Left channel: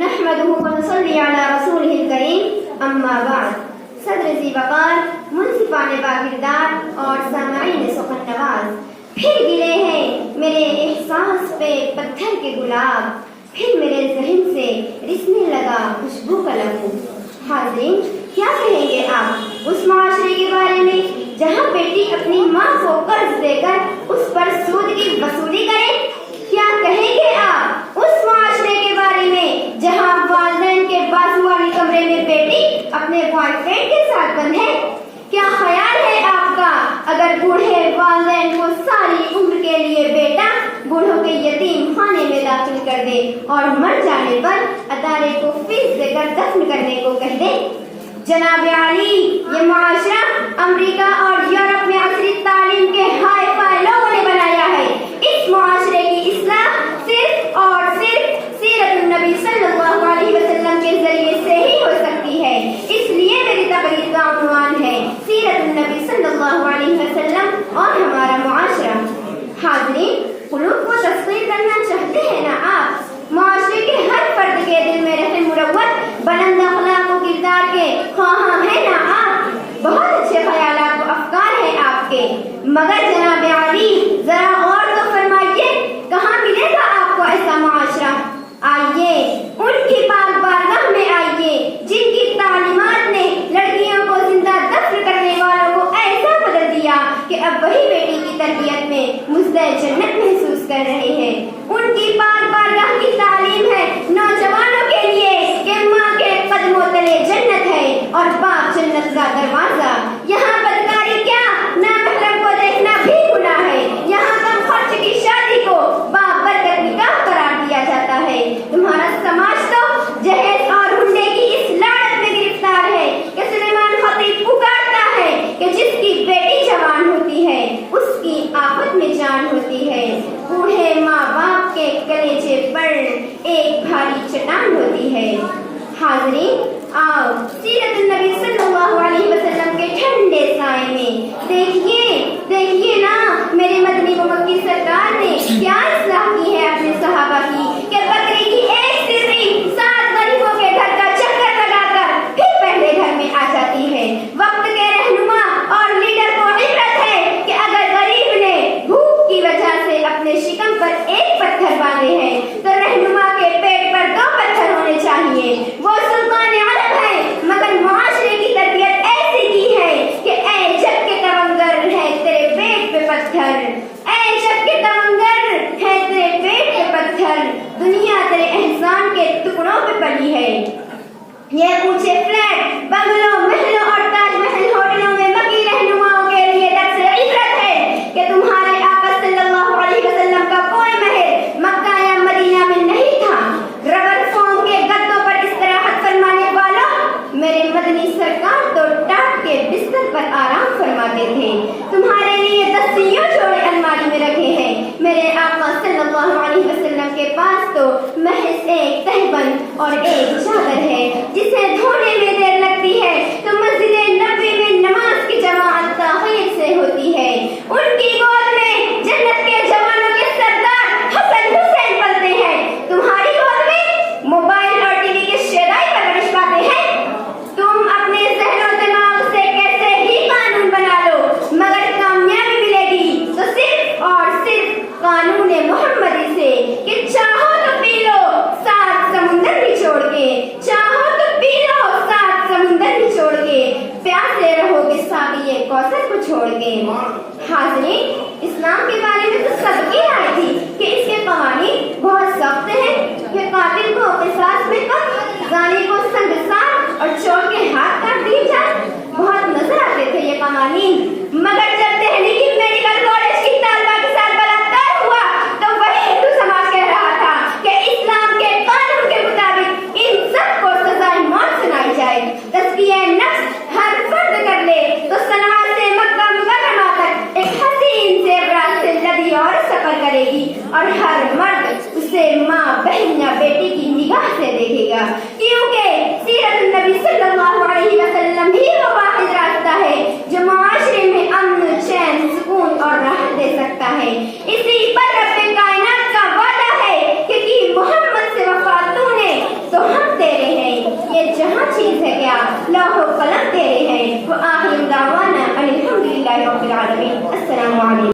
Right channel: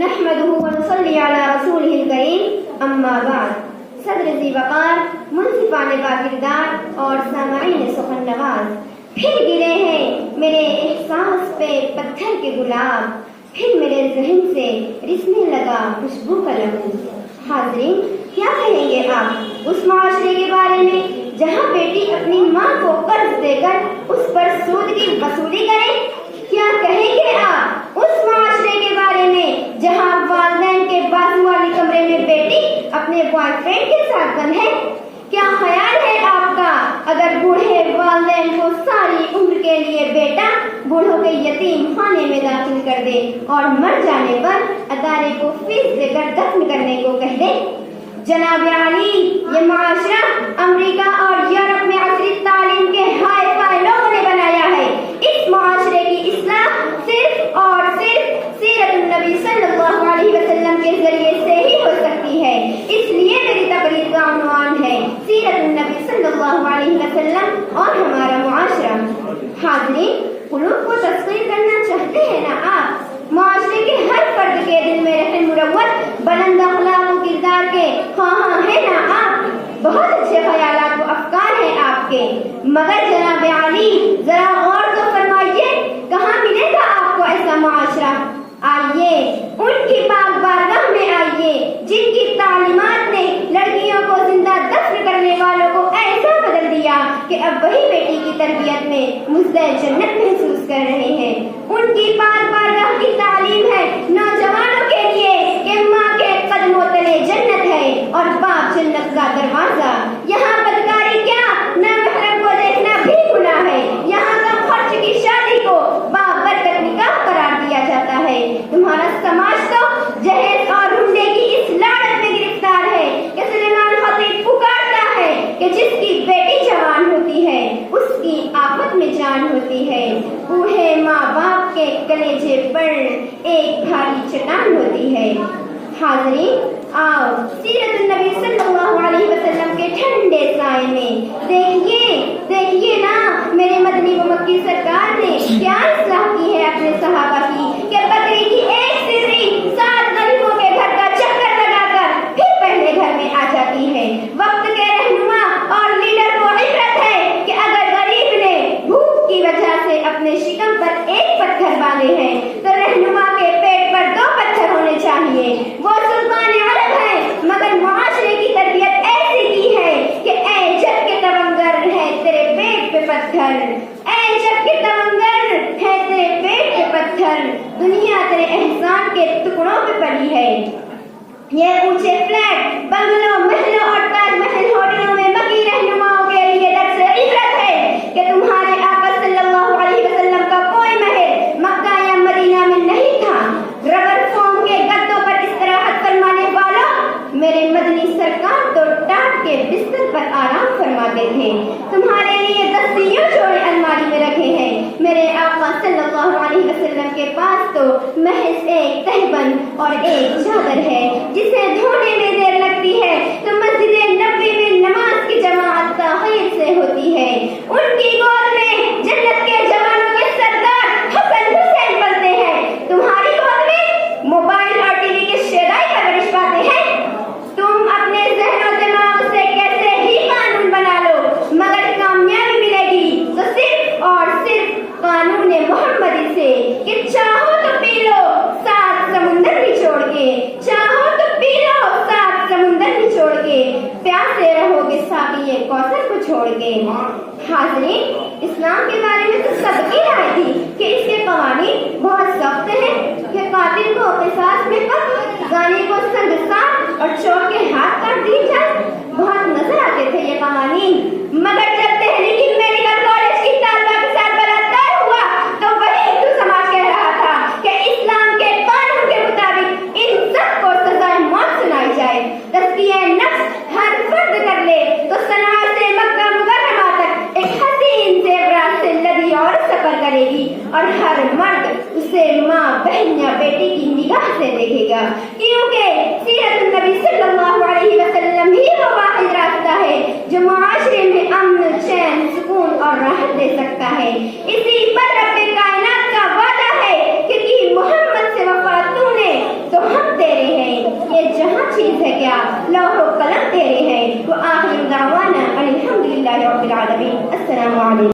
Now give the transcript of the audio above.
نحمده ونصلي على رسوله الكريم اما بعد. صدر ذی وقار، منصفان با کردار اور سامعین سخن نواز، پھر گرے ہیں میرے احساس پہ پتھر کے گلاب، پھر میرے ذہن سے رسنے لگا خوشبو کا لہو. حاضرین، کیا کہیں گے آپ اس معاشرے کے بارے میں جہاں بیٹی اپنی ماں کو قرض دے کر اس پر سود کی وصولی کرے؟ کیا کہیں گے آپ اس معاشرے کے بارے میں جہاں والدین کے بازو والی کمرے میں بیٹی اپنے بوائے فرینڈ کے ساتھ بند ہے؟ کیا خیال ہے آپ کا اگر بوڑھے والدین کو ساری عمر کے لیے بیٹا بوڑھوں کے یتیم خانے میں داخل کر دے اور مر جانے پر ادارے کو فیس دے کر دفن کرنے کو کہہ دے؟ جناب عالی، یہ معاشرہ امریکہ اور یورپ میں عصری تعلیم کے ہائی فائی لوگوں نے بنایا ہے. اس معاشرے کی اصلاح صرف اور صرف سیرت النبی صلی اللہ علیہ وسلم کے ذریعے سے ہی ہو سکتی ہے. اس لیے میری تقریر کا عنوان ہے سیرت النبی صلی اللہ علیہ وسلم اور ہمارا معاشرہ. حاضرین، قلوب کو تسخیر کرنا چاہتے ہیں نا آپ؟ معاشرے کے ہر فرد کے دل میں رہن مروت بلند اخلاق و کردار کے خواہاں ہیں نا آپ؟ بہت اچھے خیالات و افکار ہیں آپ کے، مگر جناب عالی ذرا غور تو فرمائیے، کہاں ملے گا آپ کو ایسا معاشرہ؟ آئیے ان کی پاک بارگاہ میں آئیے جن کی تعلیمات نے لڑکیوں کو زندہ دفن کرنے والوں کو ایسا بدل دیا کہ اب وہی بیٹی کی تربیت میں مزدہ جنت محسوس کر رہے ہیں. ان کی پاک بارگاہ کی تعلیم ہے نوجوانوں کے لیے کہ ماں کے قدموں تلے جنت ہے اور باپ جنت کا دروازہ. یہاں بدکاری کیا، نامحرم کو دیکھنا بھی گناہ ہے. یہاں کم خرچ کی شادی کو بابرکت نکاح قرار دیا جاتا ہے. تمہارا سماج تو جہیز اور ہنڈے کی اس لعنت میں گرفتار ہے کہ سلیمان خطیب پکارتا ہے کہ جس کی بیٹی جوان ہوتی ہے اس کی آفت میں جان ہوتی ہے. بوڑھے ماں باپ کے کلیجے پر ایک بھاری چٹان ہوتی ہے. حاضرین، آؤ سیرت النبی صلی اللہ علیہ وسلم کے ٹھنڈے سائے میں دیکھیے نا میرے مدنی و مکی سرکار نے کیا اصلاح کی ہے اپنے صحابہ کی کہ بکری کی ایک سری 7 غریبوں کے گھر کا چکر لگا کر پھر پہلے گھر میں آ جاتی ہے. وقت کے رہنما اور لیڈر کو عبرت ہے کہ اگر غریب نے بھوک کی وجہ سے اپنے شکم پر ایک پتھر باندھے ہیں تو رہنما کے پیٹ پر 2 پتھر ہونے چاہیے. وہ سلطان عرب ہے مگر معاشرے کی تربیت ایسی کی ہے کہ اے جگ کے تمنگر ہے تیرے پیٹ پہ پتھر، اے جگ کے تمنگر ہے تیرے پیٹ پہ پتھر، دنیا تیرے احسان کے ٹکڑوں پہ پلی ہے. یہ اونچے فلیٹ، بنگلوں، محلوں اور تاج محل ہوٹلوں میں مکی رہنماؤں کے لیے درس عبرت ہے کہ تمہارے آقا صلی اللہ علیہ وسلم کا کوئی محل مکہ یا مدینہ میں نہیں تھا. ربر فوم کے گدوں پر استراحت فرمانے والوں، میرے مدنی سرکار تو ٹاٹ کے بستر پر آرام فرماتے تھے. تمہارے لیے 10 یوں جوڑے الماری میں رکھے ہیں. میرے آقا صلی اللہ علیہ وسلم کے پاس تو محض ایک تہبند اور ایک چادر ہے جسے دھونے میں دیر لگتی ہے تو مسجد نبوی میں نماز کی جماعت تاخیر سے ہوتی ہے. ان کی گود میں جنت کے جوانوں کے سردار حسن حسین پلتے ہیں. تمہاری گود میں موبائل اور ٹی وی کے شیدائی کا گرش پاتے ہیں. تم اپنے ذہن و دماغ سے کیسے ہی قانون بنا لو مگر کامیابی ملے گی تو صرف اور صرف قانون محمدی سے کہ چاہو تو پی لو 7 سمندر نچوڑ کے، چاہو تو پی لو 7 سمندر نچوڑ کے، پیاسے رہو گے ساقی کوثر کو چھوڑ کے. حاضرین، اسلام کے بارے میں تو سب کی رائے تھی کہ اس کے قوانین بہت سخت ہیں کہ قاتل کو قصاص میں قتل، زانی کو سنگسار اور چور کے ہاتھ کاٹ دیے جائیں. بہت نظر آتے تھے یہ قوانین، مگر جب دہلی کی میڈیکل کالج کی طالبہ کے ساتھ بلاತ್ಕಾರ ہوا تو وہی ہندو سماج کہہ رہا تھا کہ اسلام کے قانون کے مطابق ان سب کو سزائے موت سنائی جائے. تزکیہ نفس ہر فرد کر لے تو صنعا سے مکہ مکرمہ تک ایک حسین زیورات سے لدی عورت سفر کرے گی اور ہر مرد اسے ماں، بہن یا بیٹی کی نگاہ سے دیکھے گا، کیونکہ سیرت النبی صلی اللہ علیہ وسلم ہی وہ واحد راستہ ہے جو معاشرے میں امن، چین، سکون اور راحت دے سکتا ہے. اسی پر رب کائنات کا وعدہ ہے کہ محمد سے وفا تو نے تو لوح و قلم تیرے ہیں. وآخر دعوانا الحمدللہ رب العالمین. السلام علیکم.